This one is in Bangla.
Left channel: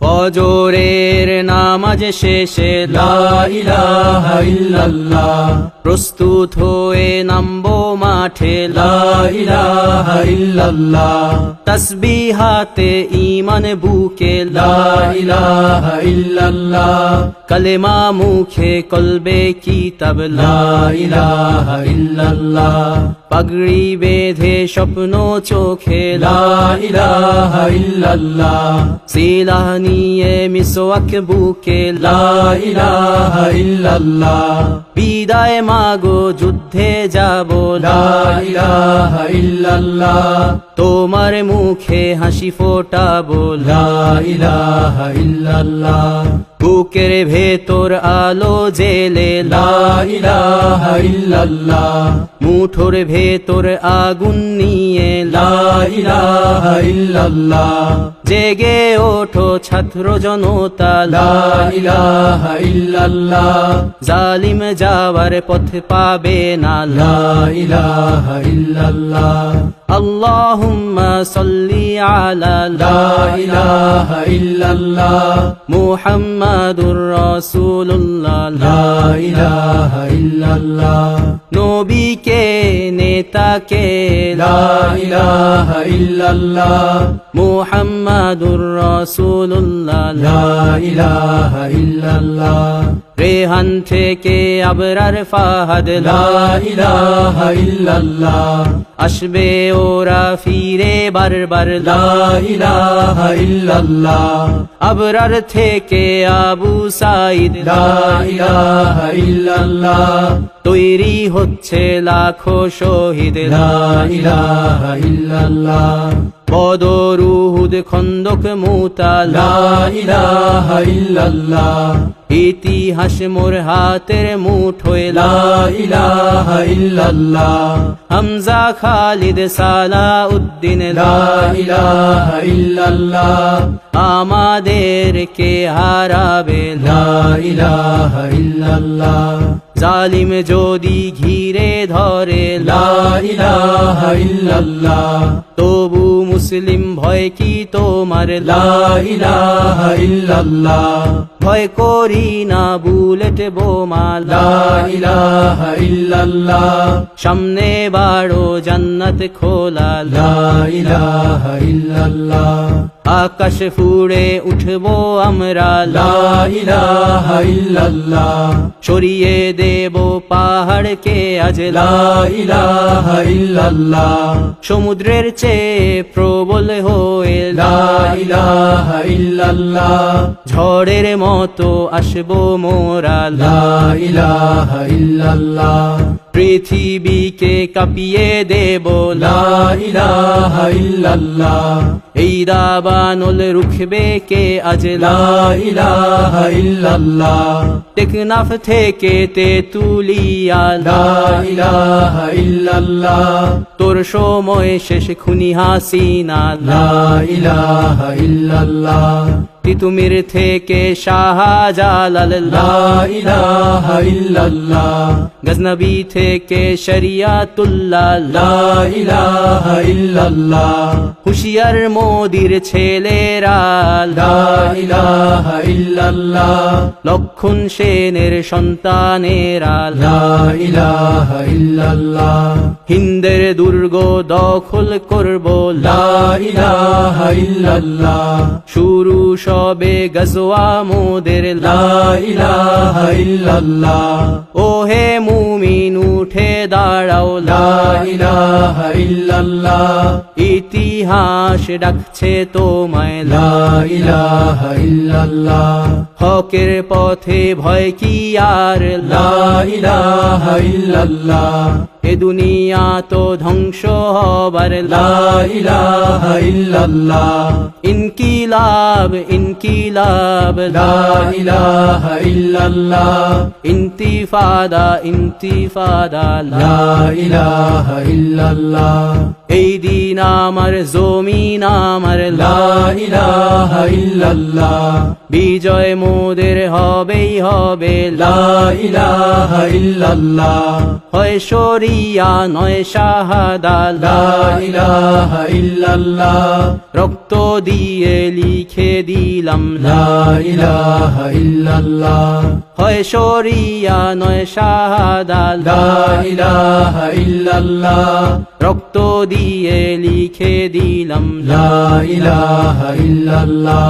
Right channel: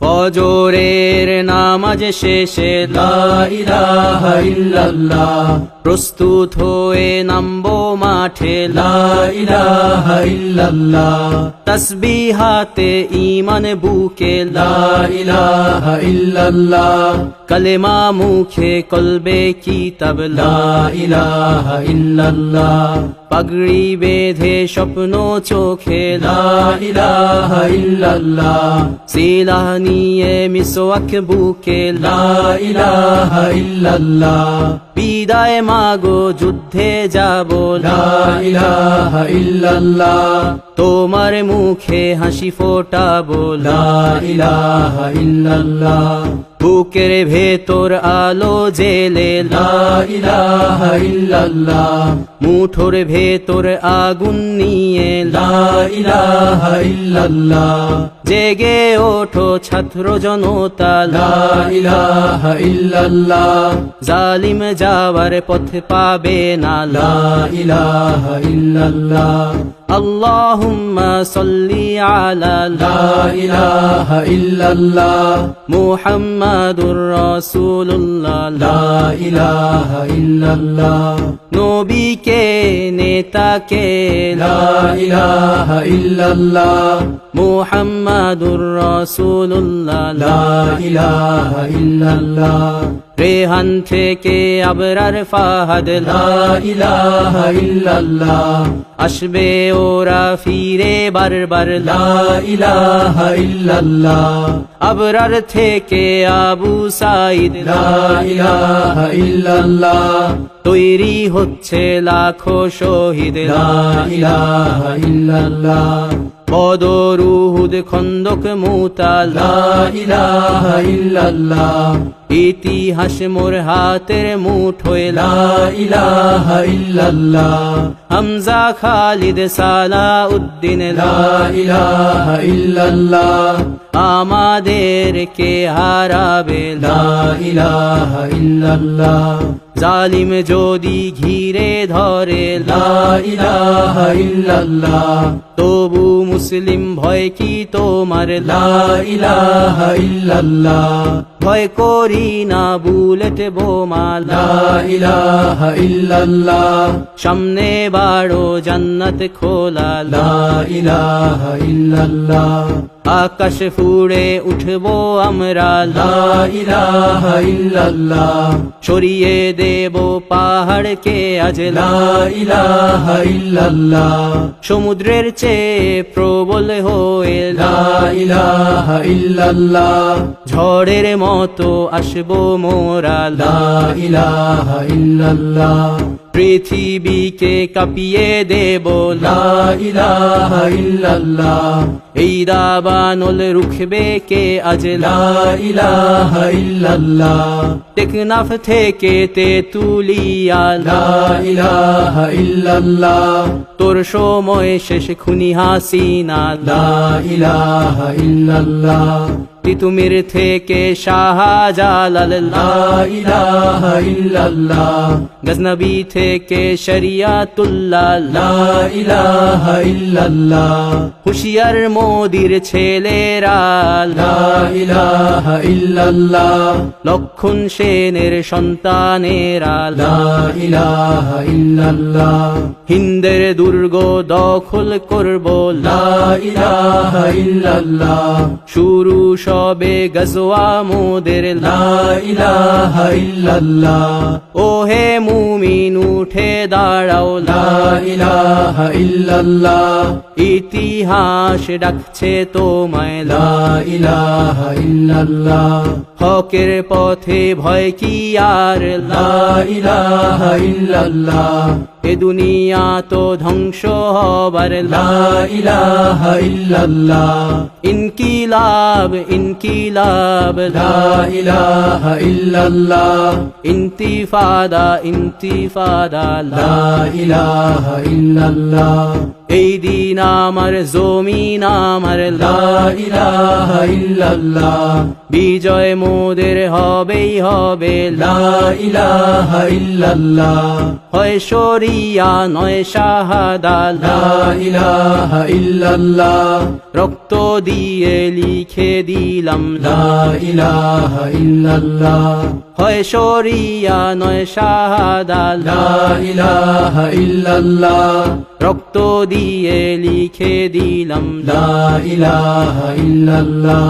ফজরের নামাজ শেষে লা ইলাহা ইল্লাল্লাহ, প্রস্তুত হয়ে নামবো মাঠে লা ইলাহা ইল্লাল্লাহ, তাসবিহাতে ঈমান বুকে লা ইলাহা ইল্লাল্লাহ, কালেমা মুখে কলবে কিতাব লা ইলাহা ইল্লাল্লাহ, পাগড়ি বেঁধে স্বপ্ন চোখে লা ইলাহা ইল্লাল্লাহ, সিলাহ নিয়ে মিসওয়াক বুকে লা ইলাহা ইল্লাল্লাহ, বিদায় মাগো যুদ্ধে যাব লা ইলাহা ইল্লাল্লাহ, তোমার মুখে হাসি ফোটাবো লা ইলাহা ইল্লাল্লাহ, বুকের ভেতর আলো জেলে লা ইলাহা ইল্লাল্লাহ, মুঠোর ভেতর আগুন নিয়ে লা ইলাহা ইল্লাল্লাহ, জেগে ওঠো ছাত্র জনতা লা ইলাহা ইল্লাল্লাহ, জালিম যাওয়ার পথ পাবে না লা ইলাহা ইল্লাল্লাহ, আল্লাহুম্মা সাল্লি আলা লা ইলাহা ইল্লাল্লাহ, মুহাম্মাদুর রাসূলুল্লাহ লা ইলাহা ইল্লাল্লাহ, নবীকে নেতাকে লা ইলাহা ইল্লাল্লাহ, মুহাম্মাদুর রাসূলুল্লাহ লা ইলাহা ইল্লাল্লাহ, রেহান থেকে আবরার ফাহাদ লা ইলাহা ইল্লাল্লাহ, আসবে ওরা ফিরে বারবার লা ইলাহা ইল্লাল্লাহ, আবরার থেকে আবু সাঈদ লা ইলাহা ইল্লাল্লাহ, তৈরি হচ্ছে লাখো শহীদ লা ইলাহা ইল্লাল্লাহ, বদর উহুদ খন্দক মুতা লা ইলাহা ইল্লাল্লাহ, ইতিহাস মোর হাতের মুঠোয় লা ইলাহা ইল্লাল্লাহ, হামজা খালিদ সালাউদ্দিন লা ইলাহা ইল্লাল্লাহ, আমাদেরকে হারাবে লা ইলাহা ইল্লাল্লাহ, জালিম যদি ঘিরে ধরে লা ইলাহা ইল্লাল্লাহ, তবু মুসলিম ভয় কি তোমার লা ইলাহা ইল্লাল্লাহ, ভয় করি না বুলেট বোমা লা ইলাহা ইল্লাল্লাহ, সামনে বাড়ো জান্নাত খোলা লা ইলাহা ইল্লাল্লাহ, আকাশ ফুড়ে উঠবো আমরা লা ইলাহা ইল্লাল্লাহ, সরিয়ে দেব পাহাড়কে আজ লা ইলাহা ইল্লাল্লাহ, সমুদ্রের চেয়ে প্রবল হয়ে লা ইলাহা ইল্লাল্লাহ, ঝড়ের মতো আসবো মোরা লা ইলাহা ইল্লাল্লাহ, পৃথিবীকে কাঁপিয়ে দেব লা ইলাহা ইল্লাল্লাহ, এই দাবানল রুখবে কে আজ লা ইলাহা ইল্লাল্লাহ, টেকনাফ থেকে তেতুলিয়া লা ইলাহা ইল্লাল্লাহ, তোর সময় শেষ খুনি হাসিনা লা ইলাহা ইল্লাল্লাহ, তিতুমির থেকে শাহজালাল লা ইলাহা ইল্লাল্লাহ, গজনবী থেকে শরিয়াতুল্লাহ লা ইলাহা ইল্লাল্লাহ, হুশিয়ার মোদির ছেলেরা লা ইলাহা ইল্লাল্লাহ, লক্ষণ সেনের সন্তানেরা লা ইলাহা ইল্লাল্লাহ, হিন্দের দুর্গ দখল করব লা ইলাহা ইল্লাল্লাহ, শুরু সবে গজওয়া মোদের লা ইলাহা ইল্লাল্লাহ, ও হে মুমিন উঠে দাঁড়াও লা ইলাহা ইল্লাল্লাহ, ইতিহাস ডাকছে তোমায় লা ইলাহা ইল্লাল্লাহ, হকের পথে ভয় কি আর লা ইলাহা ইল্লাল্লাহ, এ দুনিয়া তো ধ্বংস হবার লা ইলাহা ইল্লাল্লাহ, ইনকিলাব ইনকিলাব লা ইলাহা ইল্লাল্লাহ, ইন্তিফাদা ইন্তিফাদা লা ইলাহা ইল্লাল্লাহ, এই দিন আমার জমিন আমার লা ইলাহা ইল্লাল্লাহ, বিজয় মোদের হবেই হবে লা ইলাহা ইল্লাল্লাহ, হয় শরীর শরিয়া নয় শাহাদা লা ইলাহা ইল্লাল্লাহ রক্ত দিয়ে লিখে দিলাম লা ইলাহা ইল্লাল্লাহ হয় শরিয়া নয় শাহাদা লা ইলাহা ইল্লাল্লাহ রক্ত দিয়ে লিখে দিলাম লা ইলাহা ইল্লাল্লাহ